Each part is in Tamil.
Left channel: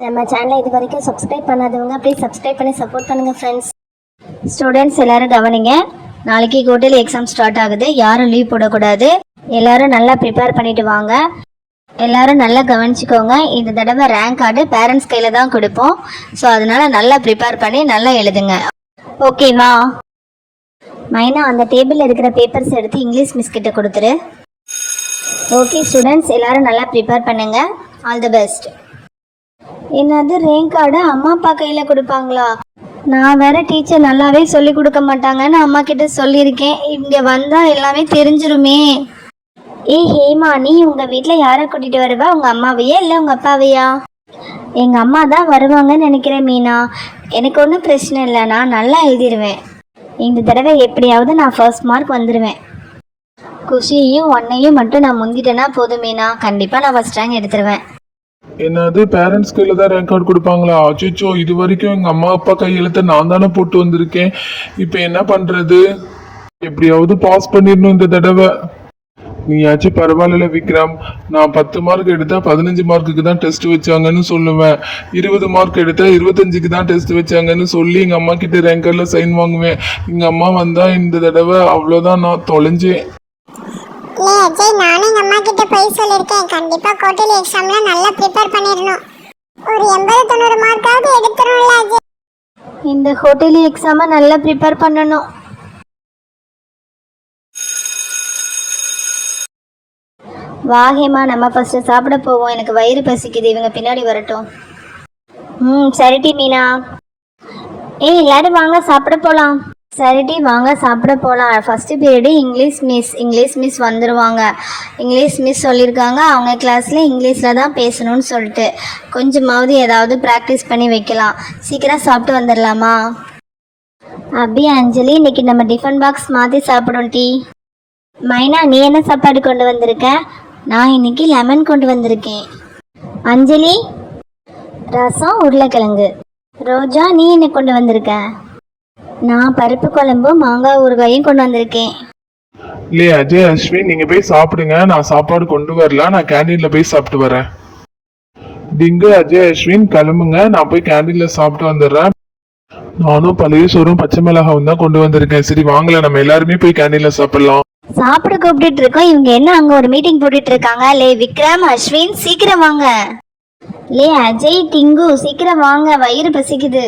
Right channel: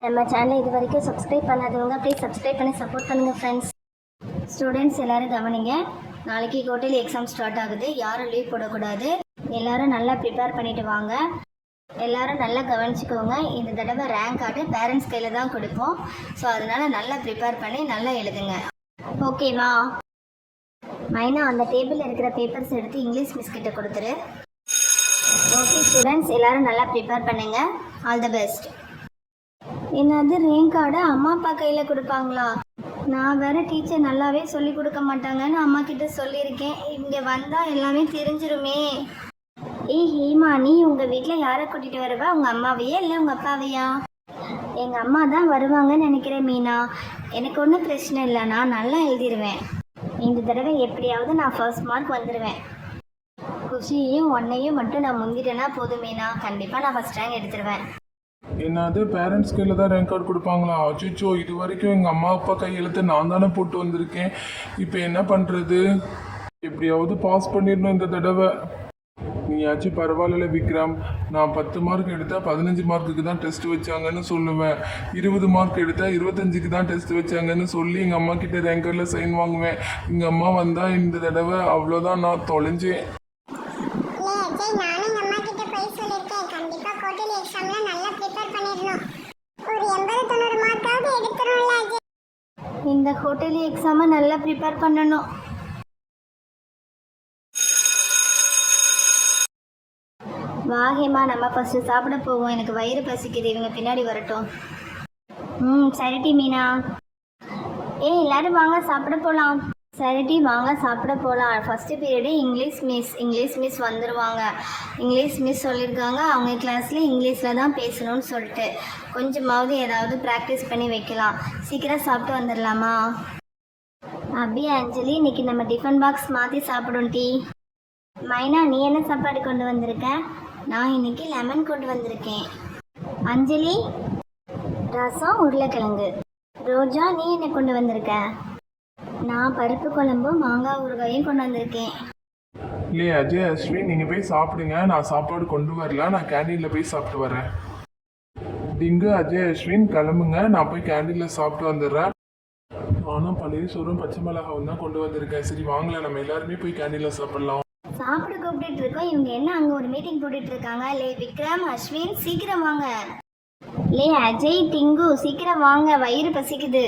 நம்ம சேனலை இது வரைக்கும் சப்ஸ்கிரைப் பண்ணாதவங்க ப்ளீஸ் சப்ஸ்கிரைப் பண்ணி சப்போர்ட் பண்ணுங்கள் ஃப்ரெண்ட்ஸ். ஸ்டூடெண்ட்ஸ் எல்லோரும் கவனிங்க. நாளைக்கு குவார்ட்டர்லி எக்ஸாம் ஸ்டார்ட் ஆகுது. யாரும் லீவ் போடக்கூடாது. எல்லோரும் நல்லா ப்ரிப்பேர் பண்ணிட்டு வாங்க. எல்லோரும் நல்லா கவனிச்சுக்கோங்க. இந்த தடவை ரேங்க் கார்டு பேரண்ட்ஸ் கையில் தான் கொடுப்போம். ஸோ அதனால் நல்லா ப்ரிப்பேர் பண்ணி நல்லா எழுதுங்க. ஓகேவா? மைனா, அந்த டேபிளில் இருக்கிற பேப்பர்ஸ் எடுத்து இங்கிலீஷ் மிஸ் கிட்ட கொடுத்துரு. ஓகே ஸ்டூடெண்ட்ஸ், எல்லோரும் நல்லா ப்ரிப்பேர் பண்ணுங்கள். All the best. என்னது, ரேங்க் கார்டு அம்மா அப்பா கையில் கொடுப்பாங்களா? நான் வேற டீச்சர் நல்லாவே சொல்லி கொடுக்க மாட்டாங்கன்னு அம்மா கிட்ட சொல்லியிருக்கேன். இங்கே வந்தால் எல்லாமே தெரிஞ்சிருமே. ஹேமா, நீ உங்கள் வீட்டில் யாரை கூட்டிகிட்டு வருவா? உங்கள் அம்மாவையா இல்லை உங்கள் அப்பாவையா? எங்கள் அம்மா தான் வருவாங்கன்னு நினைக்கிறேன் மீனா. எனக்கு ஒன்றும் பிரச்சனை இல்லை, நான் நல்லா எழுதிடுவேன். இந்த தடவை எப்படியாவது நான் ஃபர்ஸ்ட் மார்க் வந்துடுவேன். குஷியையும் ஒன்னையும் மட்டும் நான் முந்திட்டேன்னா போதும் மீனா. கண்டிப்பாக நான் ஃபர்ஸ்ட் ரேங்க் எடுத்துருவேன். என்னது, பேரண்ட்ஸ் கையில தான் ரேங்க் கார்டு கொடுப்பாங்களா? அச்சோ, இது வரைக்கும் எங்க அம்மா அப்பா கையெழுத்த நான் தானே போட்டு வந்திருக்கேன். இப்போ என்ன பண்றது? எப்படியாவது பாஸ் பண்ணிடணும் இந்த தடவை. நீயாச்சும் பரவாயில்ல விக்ரம். நான் 10 மார்க் எடுத்தா 15 மார்க்குக்கு தான் டெஸ்ட் வச்சாங்கன்னு சொல்லுவேன். 20 மார்க் எடுத்தா 25க்கு தான் டெஸ்ட் வச்சாங்கன்னு சொல்லி எங்க அம்மா கிட்ட ரேங்க் கார்டில் சைன் வாங்குவேன். எங்க அம்மா வந்தா இந்த தடவை அவ்வளோதான், நான் தொலைஞ்சேன். அஜய், நானும் எங்கள் அம்மா கிட்ட போய் சொல்லியிருக்கேன். கண்டிப்பாக குவார்ட்டர்லி எக்ஸாம்ல நல்லா ப்ரிப்பேர் பண்ணிடணும். ஒரு 80-90 மார்க்காவது எடுத்துரும்ல அஜய். இந்த குவார்ட்டர்லி எக்ஸாமை நல்லா ப்ரிப்பேர் பண்ணணும். வாகேமா, நம்ம ஃபர்ஸ்ட் சாப்பிட போவோம். எனக்கு வயிறு பசிக்குது. இவங்க பின்னாடி வரட்டும். சரிடி மீனா. எல்லாரும் வாங்க சாப்பிட போகலாம். சரிடி, வாங்க சாப்பிட போகலாம். ஃபஸ்ட்டு பீரியடு இங்கிலீஷ் மிஸ் வந்துடுவாங்க. இங்கிலீஷ் மிஸ் சொல்லியிருக்காங்க அவங்க கிளாஸில் இங்கிலீஷில் தான் பேசணும்னு சொல்லிட்டு கொஞ்சமாவது ஏதாவது ப்ராக்டிஸ் பண்ணி வைக்கலாம். சீக்கிரம் சாப்பிட்டு வந்துடலாமா? அப்படியே அஞ்சலி, இன்னைக்கு நம்ம டிஃபன் பாக்ஸ் மாற்றி சாப்பிடும். டீ. மைனா, நீ என்ன சாப்பாடு கொண்டு வந்திருக்க? நான் இன்னைக்கு லெமன் கொண்டு வந்திருக்கேன். அஞ்சலி, ரசம் உருளைக்கிழங்கு. ரோஜா, நீ என்ன கொண்டு வந்திருக்க? நான் பருப்பு குழம்பு மாங்காய் ஊறுகாயும் கொண்டு வந்திருக்கேன். இல்லையே அஜய், அஸ்வின், நீங்க போய் சாப்பிடுங்க. நான் சாப்பாடு கொண்டு வரல, நான் கேண்டீன்ல போய் சாப்பிட்டு வரேன். டிங்கு, அஜய், அஸ்வின் கிளம்புங்க. நான் போய் கேண்டீன்ல சாப்பிட்டு வந்துடுறேன். நானும் பழைய சோறும் பச்சை மிளகாவும் தான் கொண்டு வந்திருக்கேன். சரி வாங்கல, நம்ம எல்லாருமே போய் கேண்டீன்ல சாப்பிடலாம். சாப்பிட கூப்பிட்டு இருக்கோம். இவங்க என்ன அங்க ஒரு மீட்டிங் போட்டுட்டு இருக்காங்க? லே விக்ரம், அஸ்வின், சீக்கிரம் வாங்க. லே அஜய், டிங்கு, சீக்கிரம் வாங்க, வயிறு பசிக்குது.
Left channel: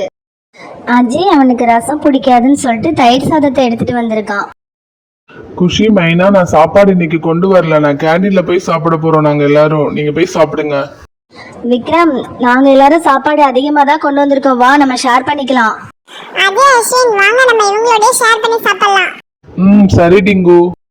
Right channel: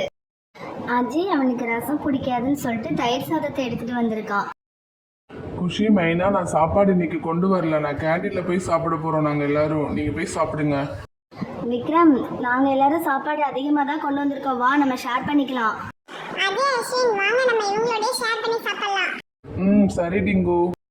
அஜய் அவனுக்கு ரசம் பிடிக்காதுன்னு சொல்லிட்டு தயிர் சாதத்தை எடுத்துட்டு வந்திருக்கான். குஷி, மைனா, நான் சாப்பாடு இன்னைக்கு கொண்டு வரல. நான் கேண்டீன்ல போய் சாப்பிட போறோம் நாங்க எல்லாரும். நீங்க போய் சாப்பிடுங்க. விக்ரம், நாங்க எல்லாரும் சாப்பாடு அதிகமா தான் கொண்டு வந்திருக்கோம். வா, நம்ம ஷேர் பண்ணிக்கலாம். அஜய், அஸ்வின், வாங்க நம்ம இவங்களோட ஷேர் பண்ணி சாப்பிடலாம். சரி டிங்கு.